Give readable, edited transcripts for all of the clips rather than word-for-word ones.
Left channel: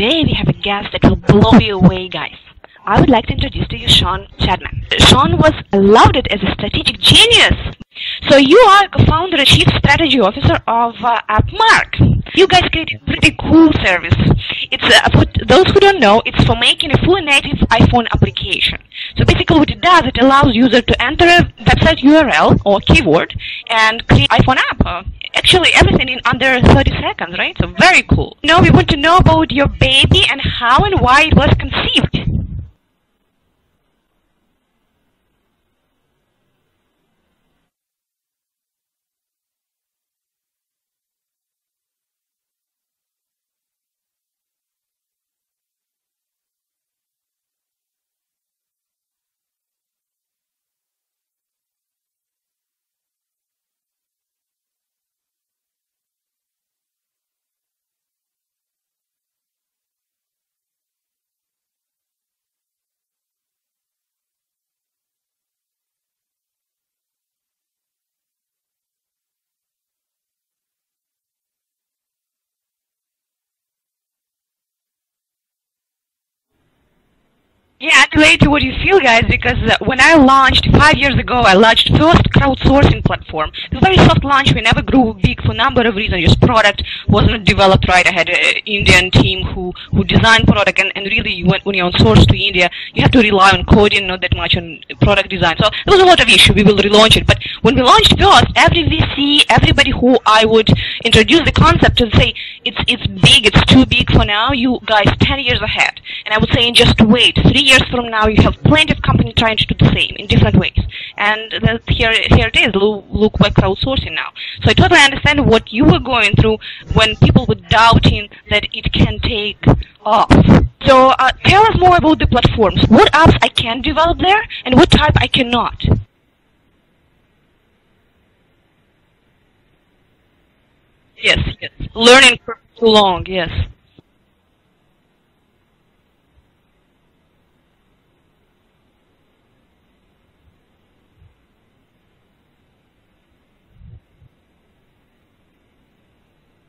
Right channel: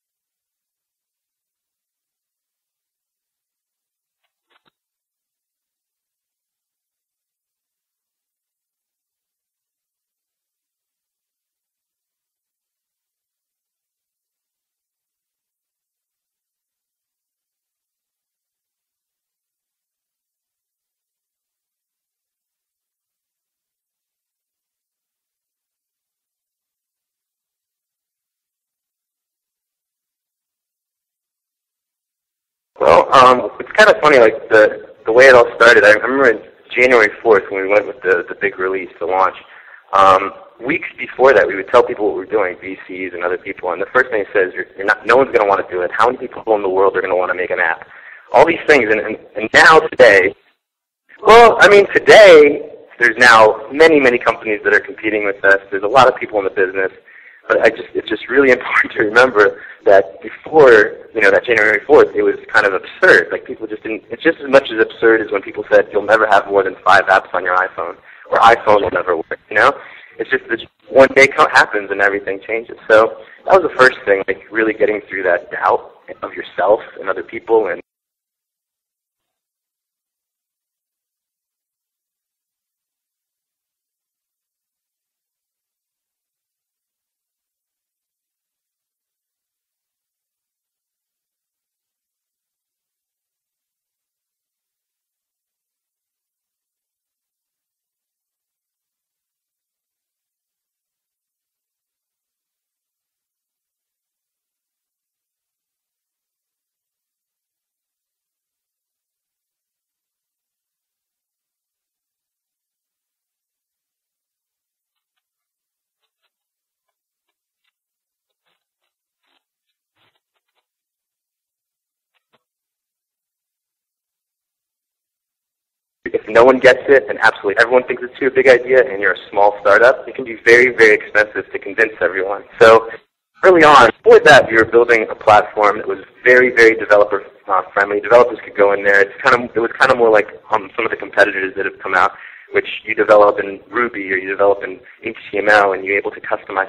today we have a guest that will blow you away, guys. I would like to introduce to you Sean Chadman. Sean was lauded as a strategic genius. So you are co-founder and chief strategy officer of AppMark. You guys created a pretty cool service. It's for those who don't know, it's for making a fully native iPhone application. So basically what it does, it allows user to enter a website URL or keyword and create iPhone app. Actually, everything in under 30 seconds, right? So very cool. Now we want to know about your baby and how and why it was conceived. Well, it's kind of funny, like the way it all started. I remember January 4th when we went with the big release, the launch. Weeks before that, we would tell people what we were doing, VCs and other people, and the first thing it says, no one's going to want to do it. How many people in the world are going to want to make an app? All these things, and now today, well, I mean, today, there's now many companies that are competing with us. There's a lot of people in the business, but it's just really important to remember that before, that January 4th, it was kind of absurd. Like, people just didn't, it's just as much as absurd as when people said you'll never have more than 5 apps on your iPhone, or iPhone will never work, It's just that one day happens and everything changes. So that was the first thing, like really getting through that doubt of yourself and other people. And yeah, and relate to what you feel, guys, because when I launched 5 years ago, I launched first crowdsourcing platform. It was a very soft launch. We never grew big for a number of reasons. Just product wasn't developed right. I had an Indian team who designed product, and really when you outsource to India, you have to rely on coding, not that much on product design. So there was a lot of issue. We will relaunch it. But when we launched first, every VC, everybody who I would introduce the concept to say, it's big, it's too big for now, you guys 10 years ahead. And I would say, just wait. 3 years from now, you have plenty of companies trying to do the same in different ways. And here it is. Look like crowdsourcing now. So I totally understand what you were going through when people were doubting that it can take off. So tell us more about the platforms. What apps I can develop there, and what type I cannot? If no one gets it, and absolutely everyone thinks it's too big idea, and you're a small startup, it can be very, very expensive to convince Learning everyone. So long, yes. Early on, before that, we were building a platform that was very, very developer friendly. Developers could go in there. It was kind of more like some of the competitors that have come out, which you develop in Ruby or you develop in HTML, and you're able to customize.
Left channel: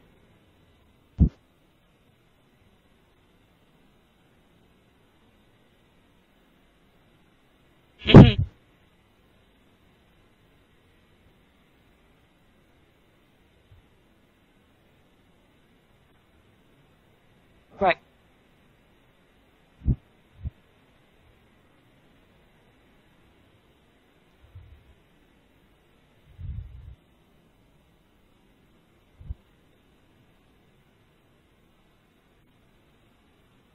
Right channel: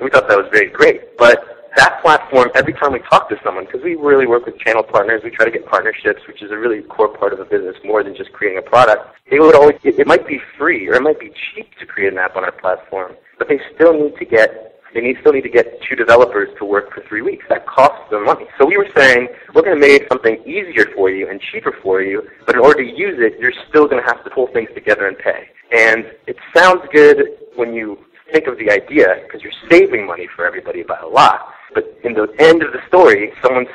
We thought that was very great, but that platform, every time we talk to someone, because we really work with channel partners, we try to get partnerships, which is a really core part of the business, more than just creating a product. They would always, it might be free or it might be cheap to create an app on our platform, but they still need to get 2 developers to work for 3 weeks. That costs them money. So we were saying, we're going to make something easier for you and cheaper for you, but in order to use it, you're still going to have to pull things together and pay. And it sounds good when you think of the idea, because you're saving money for everybody by a lot. But in the end of the story, some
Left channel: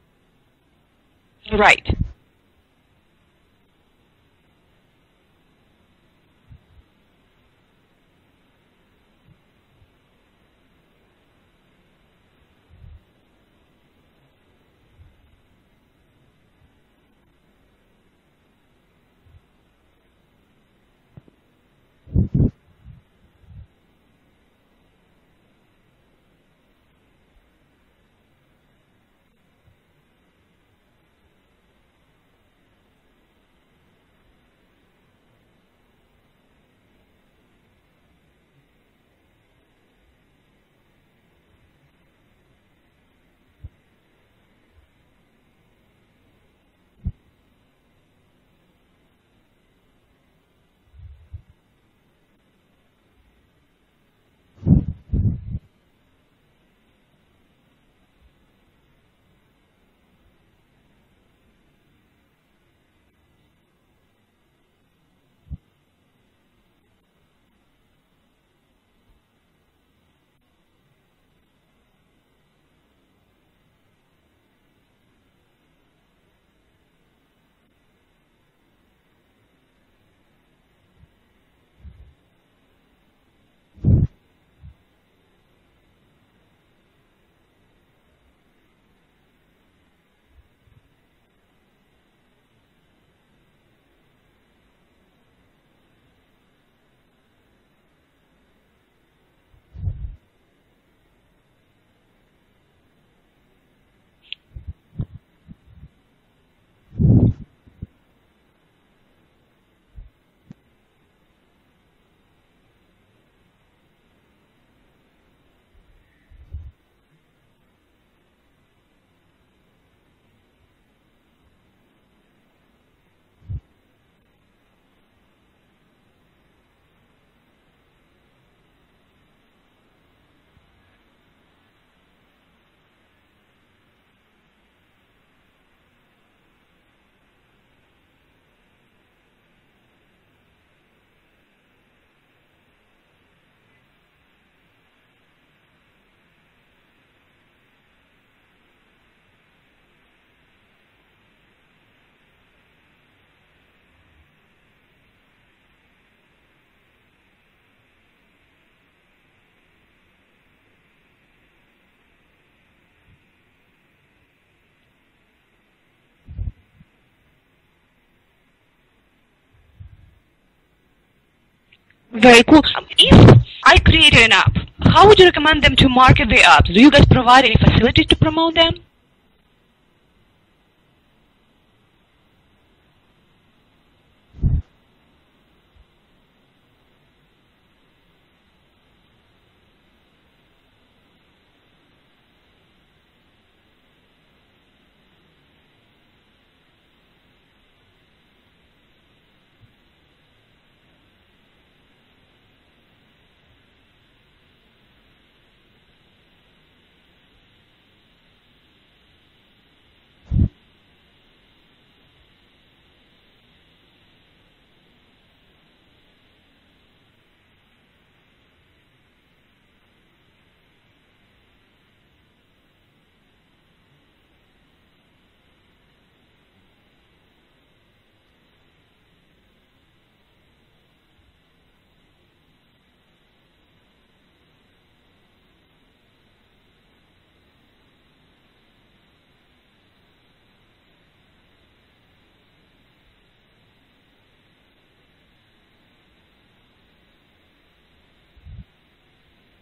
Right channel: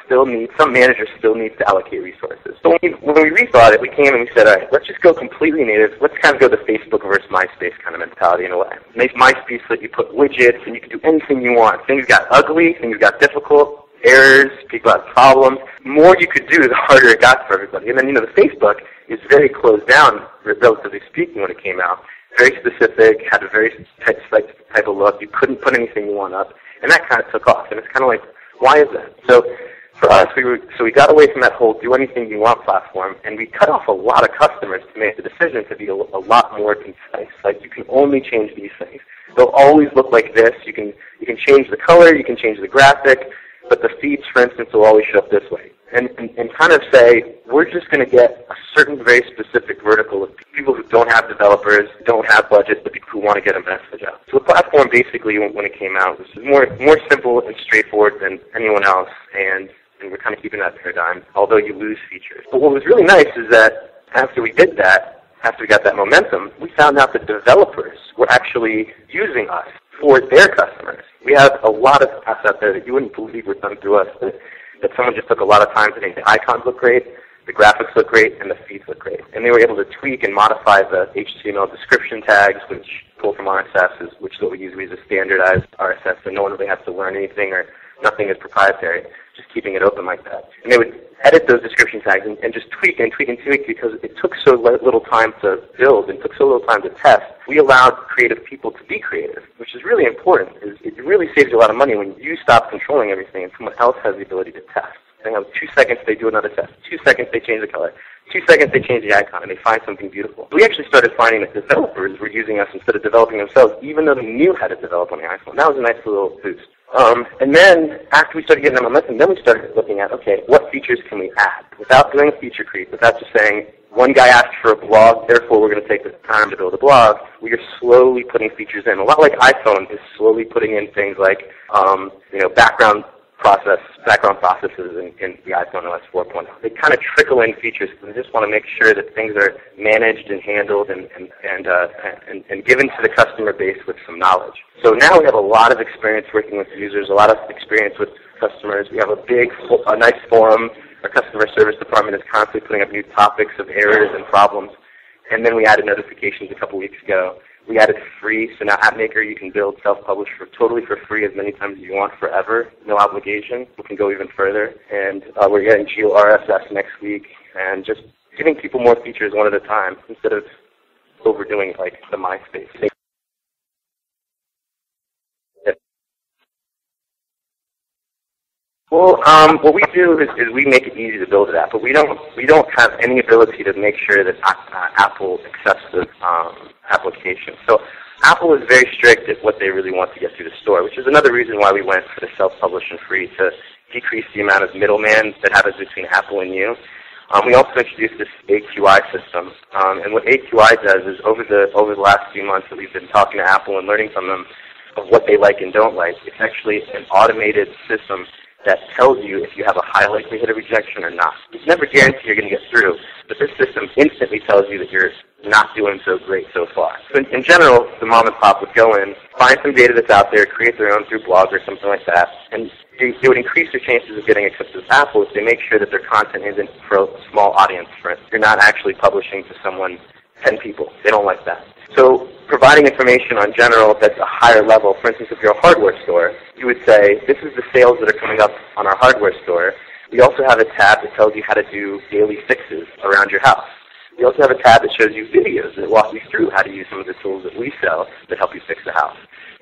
manager still needs to allocate resources. So when we rethought it, we came and we said, all right, let's just go completely native. Let's kind of go the Facebook versus MySpace kind of mentality in a way. Make MySpace so that you put widgets and you can do anything you want. Things got ugly, things got difficult, errors, people had problems. The more you could do, the harder it got for everybody. And then, the Facebook is very closed down, relatively speaking, when it came out. Very specific, had a very type of look. You couldn't put anything you want up. And that kind of took off. And it's kind of like, why is that? So for us, we got away from that whole do anything you want platform, and we cut off a lot of customers to make the decision to be a lot more concise. Like, you can only change these things. They'll always look like this. You can change the color, you can change the graphic, but the feeds, for instance, will always show up this way. And kind of say, we're just going to get a certain very specific vertical of people who don't have developers, don't have budget, but people who want to get a message out. So the platform basically, when it came out, was more simple and straightforward than anyone else, and we're kind of keeping that paradigm, although you lose features. But what was really nice is that after we did that, after we got that momentum, we found out that developers were actually using us for their customers. We have a lot of apps out there that you wouldn't believe were done through us, that someone just took a lot of time to make. The icons look great, the graphics look great, and the feeds look great. And they were able to tweak and modify the HTML description tags, which pull from RSS, which is what we use. We use a standardized RSS, so no one really has to learn anything, or nothing is proprietary, just keeping it open like that. And they would edit those description tags and just tweak and tweak and tweak, because it took so little time to build and took so little time to test. We allowed creative people to be creative, which is really important. It really saves you a lot of money when you stop controlling everything and someone else has the ability to test. They have 2 seconds, they do another test. 2 seconds, they change the color. 2 seconds, they change the icon, and they find something beautiful. We actually started finding that developers were using us instead of developing themselves, even though they knew how to develop on the iPhone. That was a nice little boost. And then after we started getting that momentum, then we started looking at, okay, what features can we add? Without doing feature creep, without just saying, one guy asked for a blog, therefore we're going to take the time to build a blog, we are slowly putting features in. A lot like iPhone is slowly putting in things like, background processes in the iPhone OS 4.0. They kind of trickle in features because we just want to make sure that things are managed and handled and given to the customer base with some knowledge. So now we have a lot of experience working with users, a lot of experience with customers. We have a nice forum. Our customer service department is constantly putting up new topics of errors and problems. And then we added notifications a couple weeks ago. We added free, so now AppMaker you can build self-publish totally for free as many times as you want forever, no obligation. We can go even further. And we're getting GeoRSS next week, and just giving people more features one at a time instead of overdoing Very cool. If I created an app, how would you recommend them to market the apps? Do you guys provide any facilities to promote them? Well, what we do is we make it easy to build an app, but we don't have any ability to make sure that Apple accepts the application. So Apple is very strict at what they really want to get through the store, which is another reason why we went for the self-publish and free, to decrease the amount of middleman that happens between Apple and you. We also introduced this AQI system, and what AQI does is over the last few months that we've been talking to Apple and learning from them of what they like and don't like, it's actually an automated system that tells you if you have a high likelihood of rejection or not. It's never guaranteed you're going to get through, but this system instantly tells you that you're not doing so great so far. So in general, the mom and pop would go in, find some data that's out there, create their own through blog or something like that, and it would increase their chances of getting accepted with Apple if they make sure that their content isn't for a small audience. For instance, you're not actually publishing to someone, 10 people. They don't like that. So providing information on general that's a higher level, for instance, if you're a hardware store, you would say, this is the sales that are coming up on our hardware store. We also have a tab that tells you how to do daily fixes around your house. We also have a tab that shows you videos that walk you through how to use some of the tools that we sell that help you fix the house.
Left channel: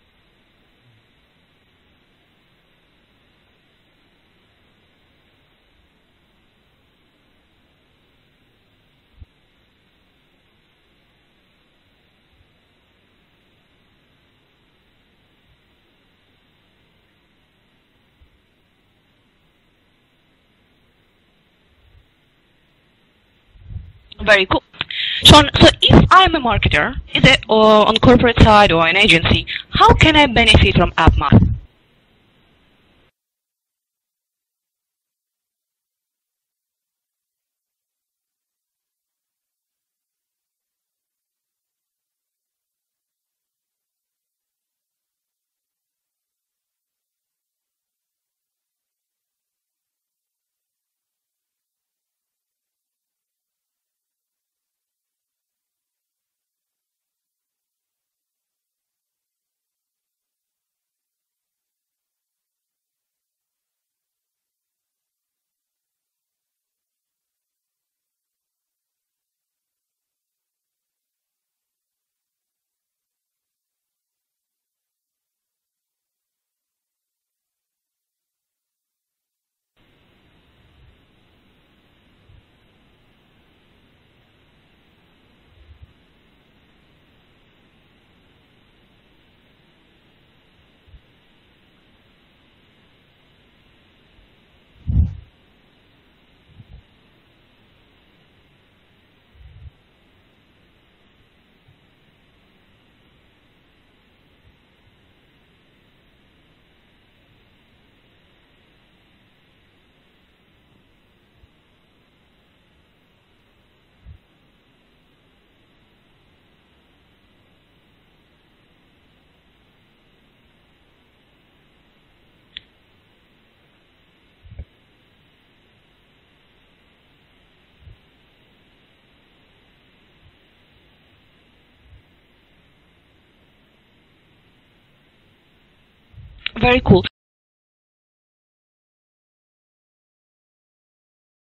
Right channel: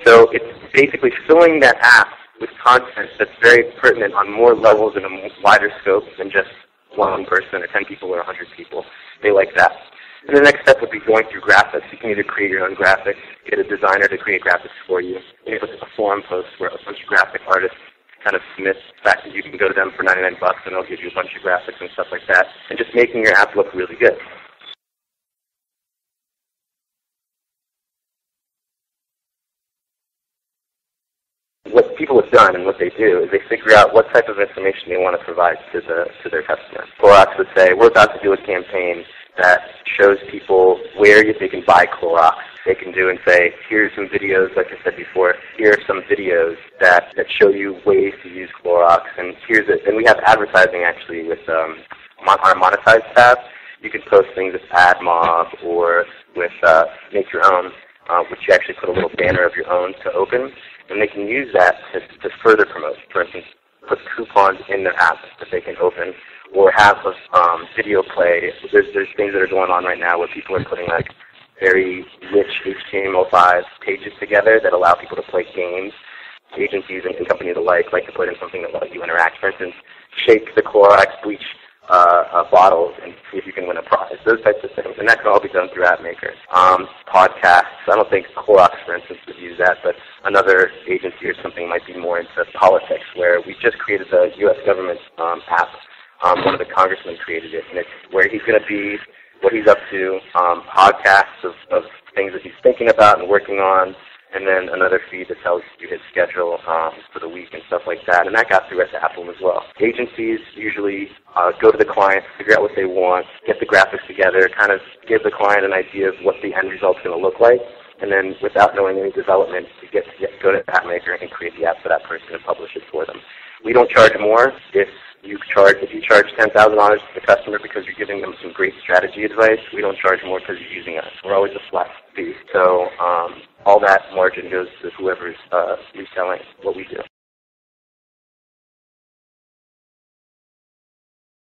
So it's basically filling that app with content that's very pertinent on more levels and a wider scope than just one person or 10 people or 100 people. They like that. And the next step would be going through graphics. You can either create your own graphics, get a designer to create graphics for you. Maybe look at a forum post where a bunch of graphic artists kind of submit the fact that you can go to them for 99 bucks and they'll give you a bunch of graphics and stuff like that, and just making your app look really good. Very cool. Sean, so if I'm a marketer, is it on corporate side or an agency, how can I benefit from AppMaker? What people have done and what they do is they figure out what type of information they want to provide to their customer. Clorox would say, we're about to do a campaign that shows people where they can buy Clorox. They can do and say, here's some videos, like I said before, here are some videos that show you ways to use Clorox, and here's it. And we have advertising actually with our monetize tab. You can post things with AdMob or with Make Your Own, which you actually put a little banner of your own to open, and they can use that to further promote. For instance, put coupons in their app that they can open, or have a video play. There's things that are going on right now where people are putting like very rich HTML5 pages together that allow people to play games. Agencies and companies alike like to put in something that lets you interact. For instance, shake the Clorox bleach bottles and see if you can win a prize. Those types of things. And that can all be done through AppMaker. Podcasts. I don't think Clorox, for instance, would use that, but another agency or something might be more into politics, where we just created the U.S. government app. One of the congressmen created it, and it's where he's going to be, what he's up to, podcasts of things that he's thinking about and working on, and then another feed that tells you his schedule for the week and stuff like that. And that got through to Apple as well. Agencies usually go to the client, figure out what they want, get the graphics together, kind of give the client an idea of what the end result's going to look like, and then without knowing any development, go to AppMaker and create the app for that person and publish it for them. We don't charge more if you charge $10,000 to the customer because you're giving them some great strategy advice. We don't charge more because you're using us. We're always a flat fee. So all that margin goes to whoever's reselling. Very cool.